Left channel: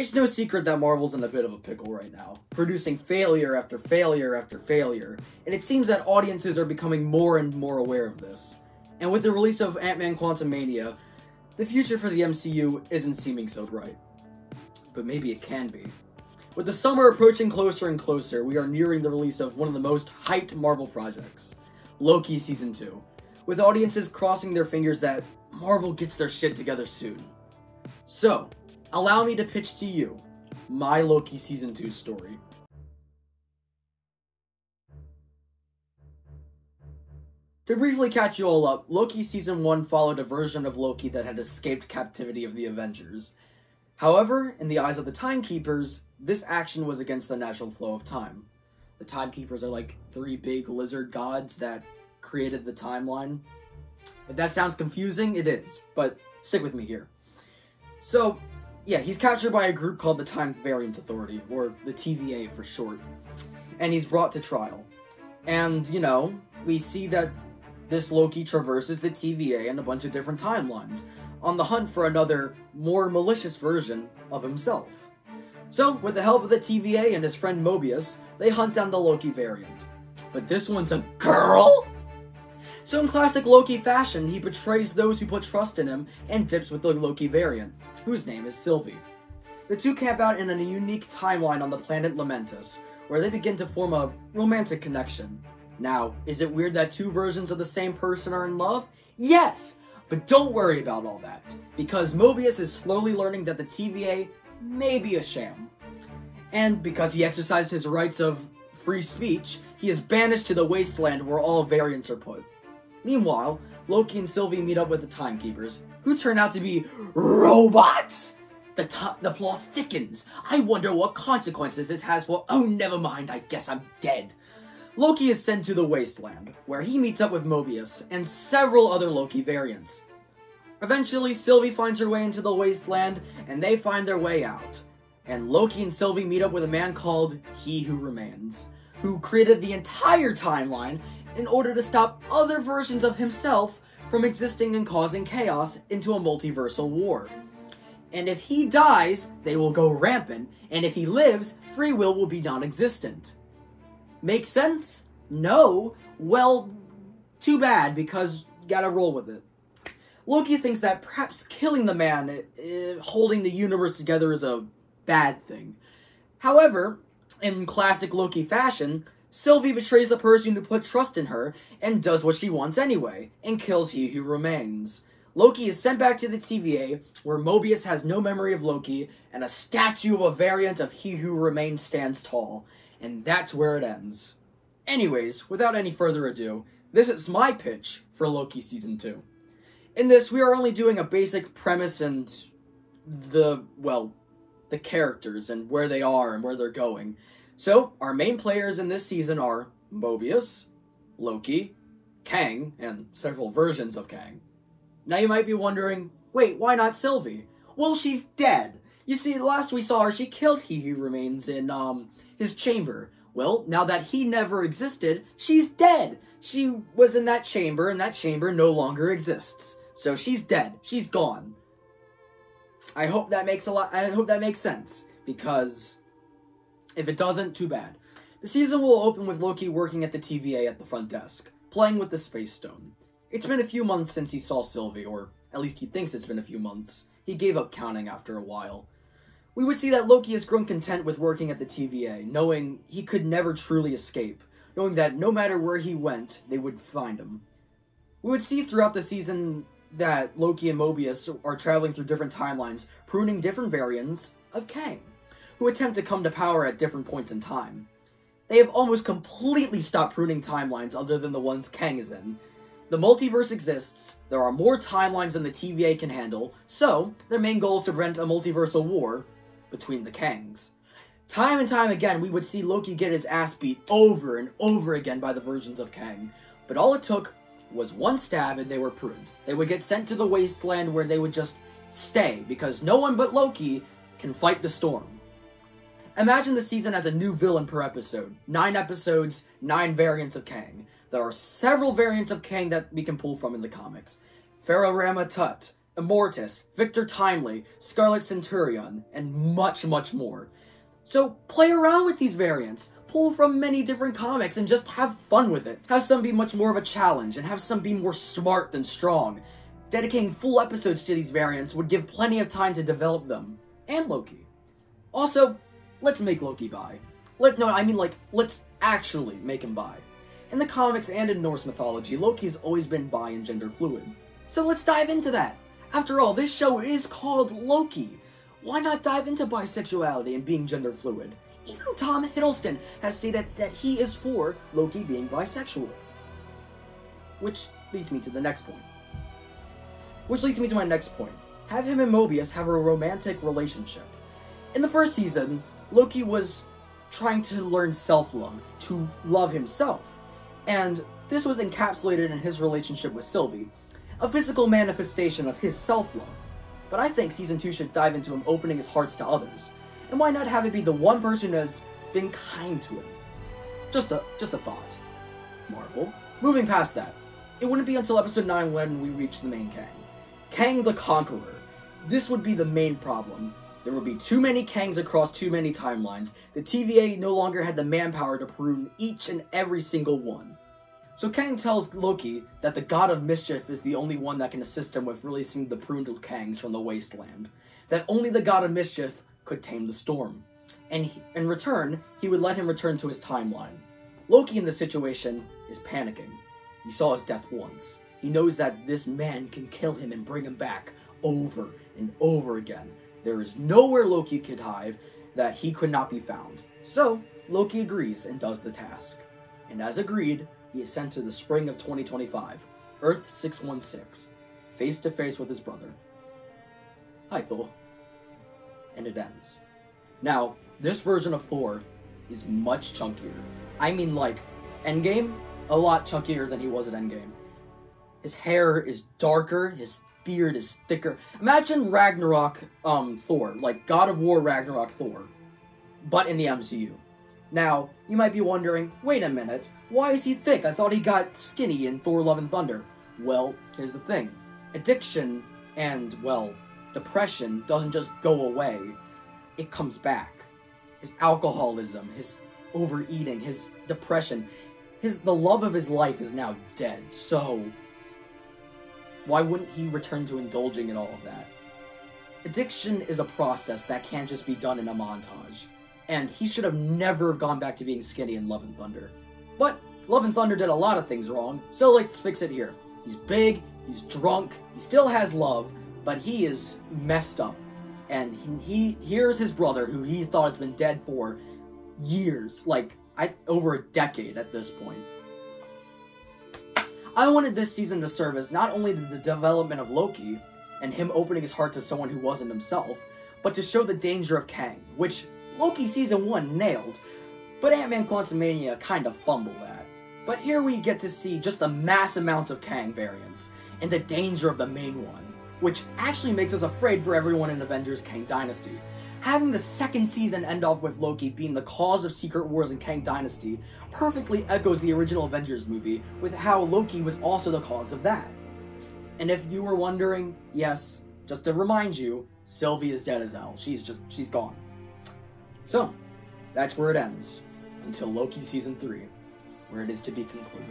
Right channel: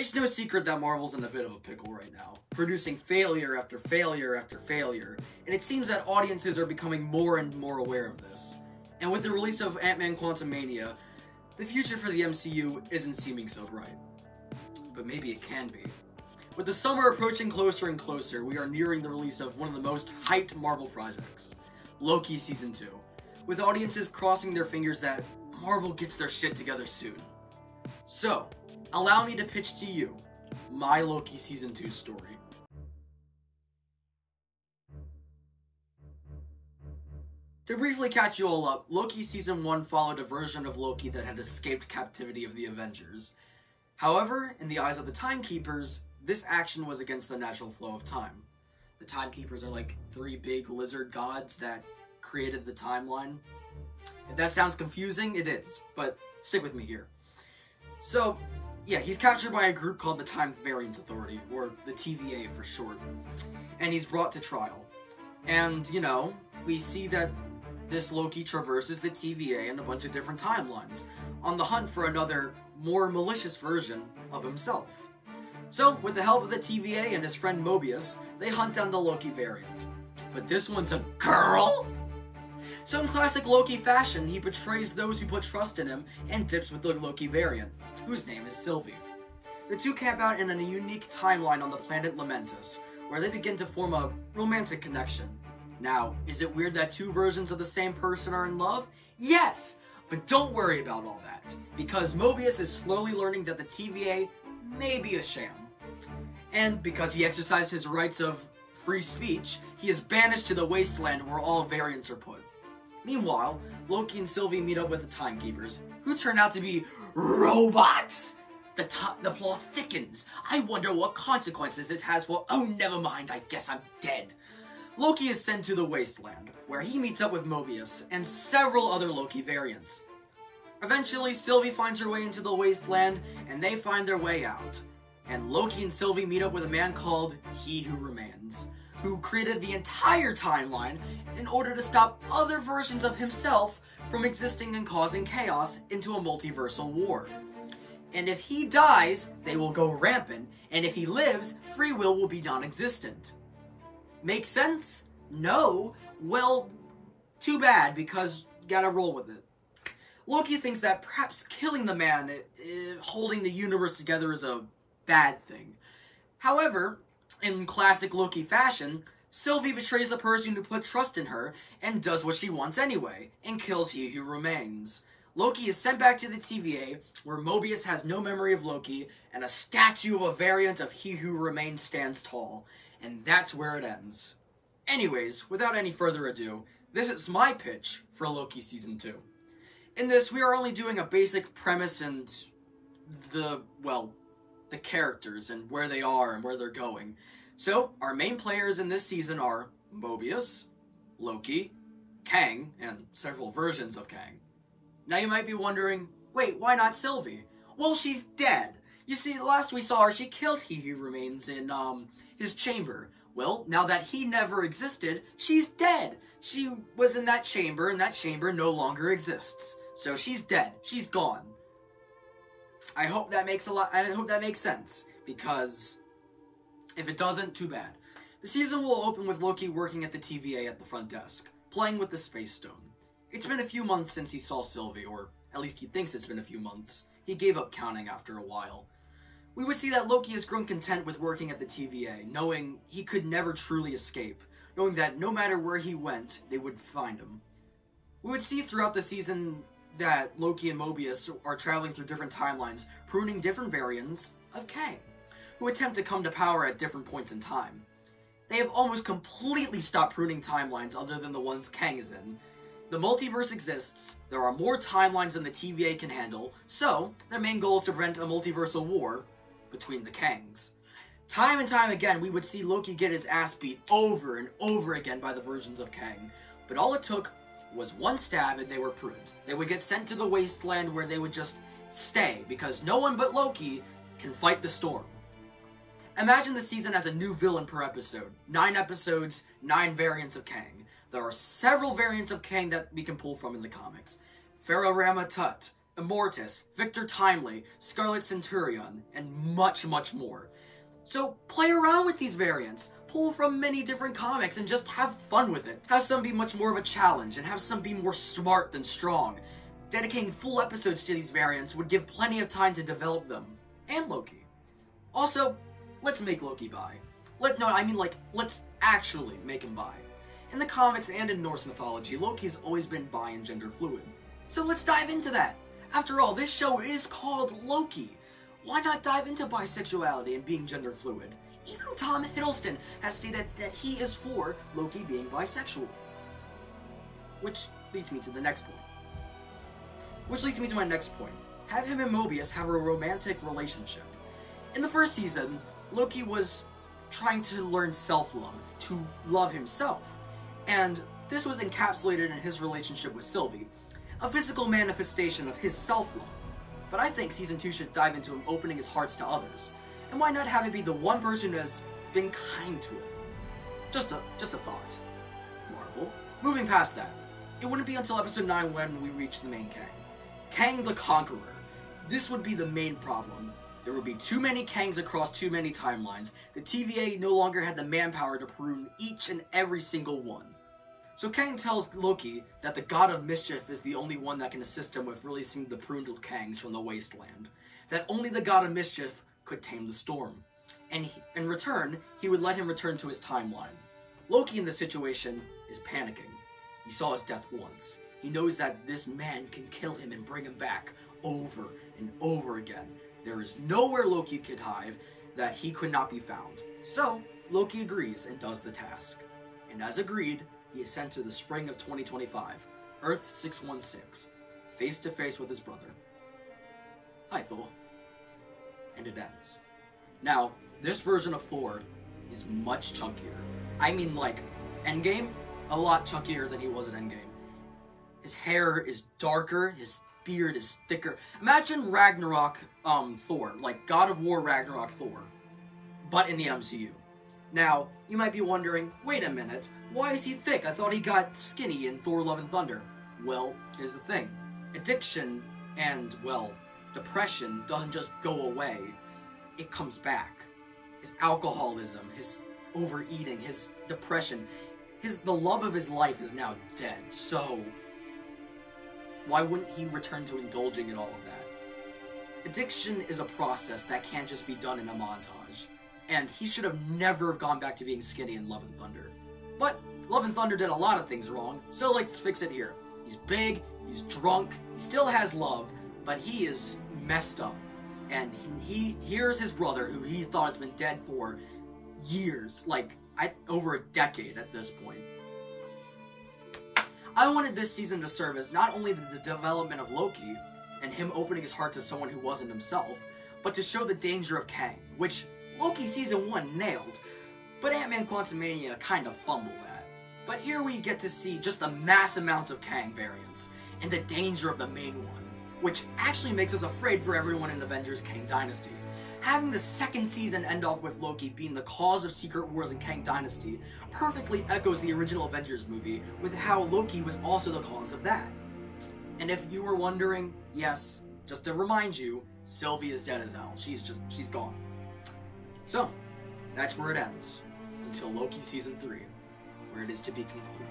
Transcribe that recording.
It's no secret that Marvel's in a bit of a pickle right now, producing failure after failure after failure, and it seems that audiences are becoming more and more aware of this. And with the release of Ant-Man Quantumania, the future for the MCU isn't seeming so bright. But maybe it can be. With the summer approaching closer and closer, we are nearing the release of one of the most hyped Marvel projects, Loki Season 2, with audiences crossing their fingers that Marvel gets their shit together soon. So, allow me to pitch to you my Loki Season 2 story. To briefly catch you all up, Loki Season 1 followed a version of Loki that had escaped captivity of the Avengers. However, in the eyes of the Timekeepers, this action was against the natural flow of time. The Timekeepers are like 3 big lizard gods that created the timeline. If that sounds confusing, it is, but stick with me here. So, yeah, he's captured by a group called the Time Variance Authority, or the TVA for short, and he's brought to trial. And, you know, we see that this Loki traverses the TVA and a bunch of different timelines, on the hunt for another, more malicious version of himself. So, with the help of the TVA and his friend Mobius, they hunt down the Loki variant. But this one's a girl? So in classic Loki fashion, he betrays those who put trust in him and dips with the Loki variant, whose name is Sylvie. The two camp out in a unique timeline on the planet Lamentus, where they begin to form a romantic connection. Now, is it weird that 2 versions of the same person are in love? Yes! But don't worry about all that, because Mobius is slowly learning that the TVA may be a sham. And because he exercised his rights of free speech, he is banished to the wasteland where all variants are put. Meanwhile, Loki and Sylvie meet up with the Timekeepers, who turn out to be robots! The plot thickens. I wonder what consequences this has for— oh, never mind, I guess I'm dead. Loki is sent to the wasteland, where he meets up with Mobius and several other Loki variants. Eventually, Sylvie finds her way into the wasteland, and they find their way out. And Loki and Sylvie meet up with a man called He Who Remains, who created the entire timeline in order to stop other versions of himself from existing and causing chaos into a multiversal war. And if he dies, they will go rampant, and if he lives, free will be non-existent. Make sense? No? Well, too bad, because you gotta roll with it. Loki thinks that perhaps killing the man holding the universe together is a bad thing. However, in classic Loki fashion, Sylvie betrays the person who put trust in her and does what she wants anyway, and kills He Who Remains. Loki is sent back to the TVA, where Mobius has no memory of Loki, and a statue of a variant of He Who Remains stands tall. And that's where it ends. Anyways, without any further ado, this is my pitch for Loki Season 2. In this, we are only doing a basic premise and the characters and where they are and where they're going. So, our main players in this season are Mobius, Loki, Kang, and several versions of Kang. Now you might be wondering, wait, why not Sylvie? Well, she's dead. You see, last we saw her, she killed He Who Remains in, his chamber. Well, now that he never existed, she's dead. She was in that chamber, and that chamber no longer exists. So she's dead. She's gone. I hope that makes sense, because if it doesn't, too bad. The season will open with Loki working at the TVA at the front desk, playing with the Space Stone. It's been a few months since he saw Sylvie, or at least he thinks it's been a few months. He gave up counting after a while. We would see that Loki has grown content with working at the TVA, knowing he could never truly escape, knowing that no matter where he went, they would find him. We would see throughout the season that Loki and Mobius are traveling through different timelines, pruning different variants of Kang, who attempt to come to power at different points in time. They have almost completely stopped pruning timelines other than the ones Kang is in. The multiverse exists, there are more timelines than the TVA can handle, so their main goal is to prevent a multiversal war between the Kangs. Time and time again, we would see Loki get his ass beat over and over again by the versions of Kang, but all it took was one stab and they were pruned. They would get sent to the wasteland where they would just stay, because no one but Loki can fight the storm. Imagine the season as a new villain per episode. 9 episodes, 9 variants of Kang. There are several variants of Kang that we can pull from in the comics. Pharaoh Rama Tut, Immortus, Victor Timely, Scarlet Centurion, and much, much more. So play around with these variants, pull from many different comics, and just have fun with it. Have some be much more of a challenge, and have some be more smart than strong. Dedicating full episodes to these variants would give plenty of time to develop them. And Loki. Also, let's make Loki bi. Let's actually make him bi. In the comics and in Norse mythology, Loki's always been bi and gender fluid. So let's dive into that. After all, this show is called Loki. Why not dive into bisexuality and being gender fluid? Even Tom Hiddleston has stated that he is for Loki being bisexual. Which leads me to the next point. Which leads me to my next point. Have him and Mobius have a romantic relationship. In the first season, Loki was trying to learn self-love, to love himself. And this was encapsulated in his relationship with Sylvie, a physical manifestation of his self-love. But I think Season 2 should dive into him opening his hearts to others. And why not have it be the one person who has been kind to him? Just a thought. Marvel. Moving past that, it wouldn't be until episode 9 when we reach the main Kang. Kang the Conqueror. This would be the main problem. There would be too many Kangs across too many timelines. The TVA no longer had the manpower to prune each and every single one. So Kang tells Loki that the God of Mischief is the only one that can assist him with releasing the pruned Kangs from the wasteland. That only the God of Mischief could tame the storm. And in return, he would let him return to his timeline. Loki in this situation is panicking. He saw his death once. He knows that this man can kill him and bring him back over and over again. There is nowhere Loki could hide that he could not be found. So, Loki agrees and does the task. And as agreed, he is sent to the spring of 2025, Earth 616, face to face with his brother. Hi, Thor. And it ends. Now, this version of Thor is much chunkier. I mean, like, Endgame? A lot chunkier than he was at Endgame. His hair is darker, his beard is thicker. Imagine Ragnarok Thor, like God of War Ragnarok Thor, but in the MCU. Now, you might be wondering, wait a minute, why is he thick? I thought he got skinny in Thor Love and Thunder. Well, here's the thing. Addiction and, well, depression doesn't just go away. It comes back. His alcoholism, his overeating, his depression, the love of his life is now dead, so why wouldn't he return to indulging in all of that? Addiction is a process that can't just be done in a montage, and he should have never gone back to being skinny in Love and Thunder. But Love and Thunder did a lot of things wrong, so let's fix it here. He's big, he's drunk, he still has love, but he is messed up. And here's his brother, who he thought has been dead for years, over a decade at this point. I wanted this season to serve as not only the development of Loki, and him opening his heart to someone who wasn't himself, but to show the danger of Kang, which Loki Season 1 nailed, but Ant-Man Quantumania kind of fumbled at. But here we get to see just the mass amounts of Kang variants, and the danger of the main one, which actually makes us afraid for everyone in Avengers Kang Dynasty. Having the second season end off with Loki being the cause of Secret Wars in Kang Dynasty perfectly echoes the original Avengers movie with how Loki was also the cause of that. And if you were wondering, yes, just to remind you, Sylvie is dead as hell. She's gone. So, that's where it ends, until Loki Season 3, where it is to be concluded.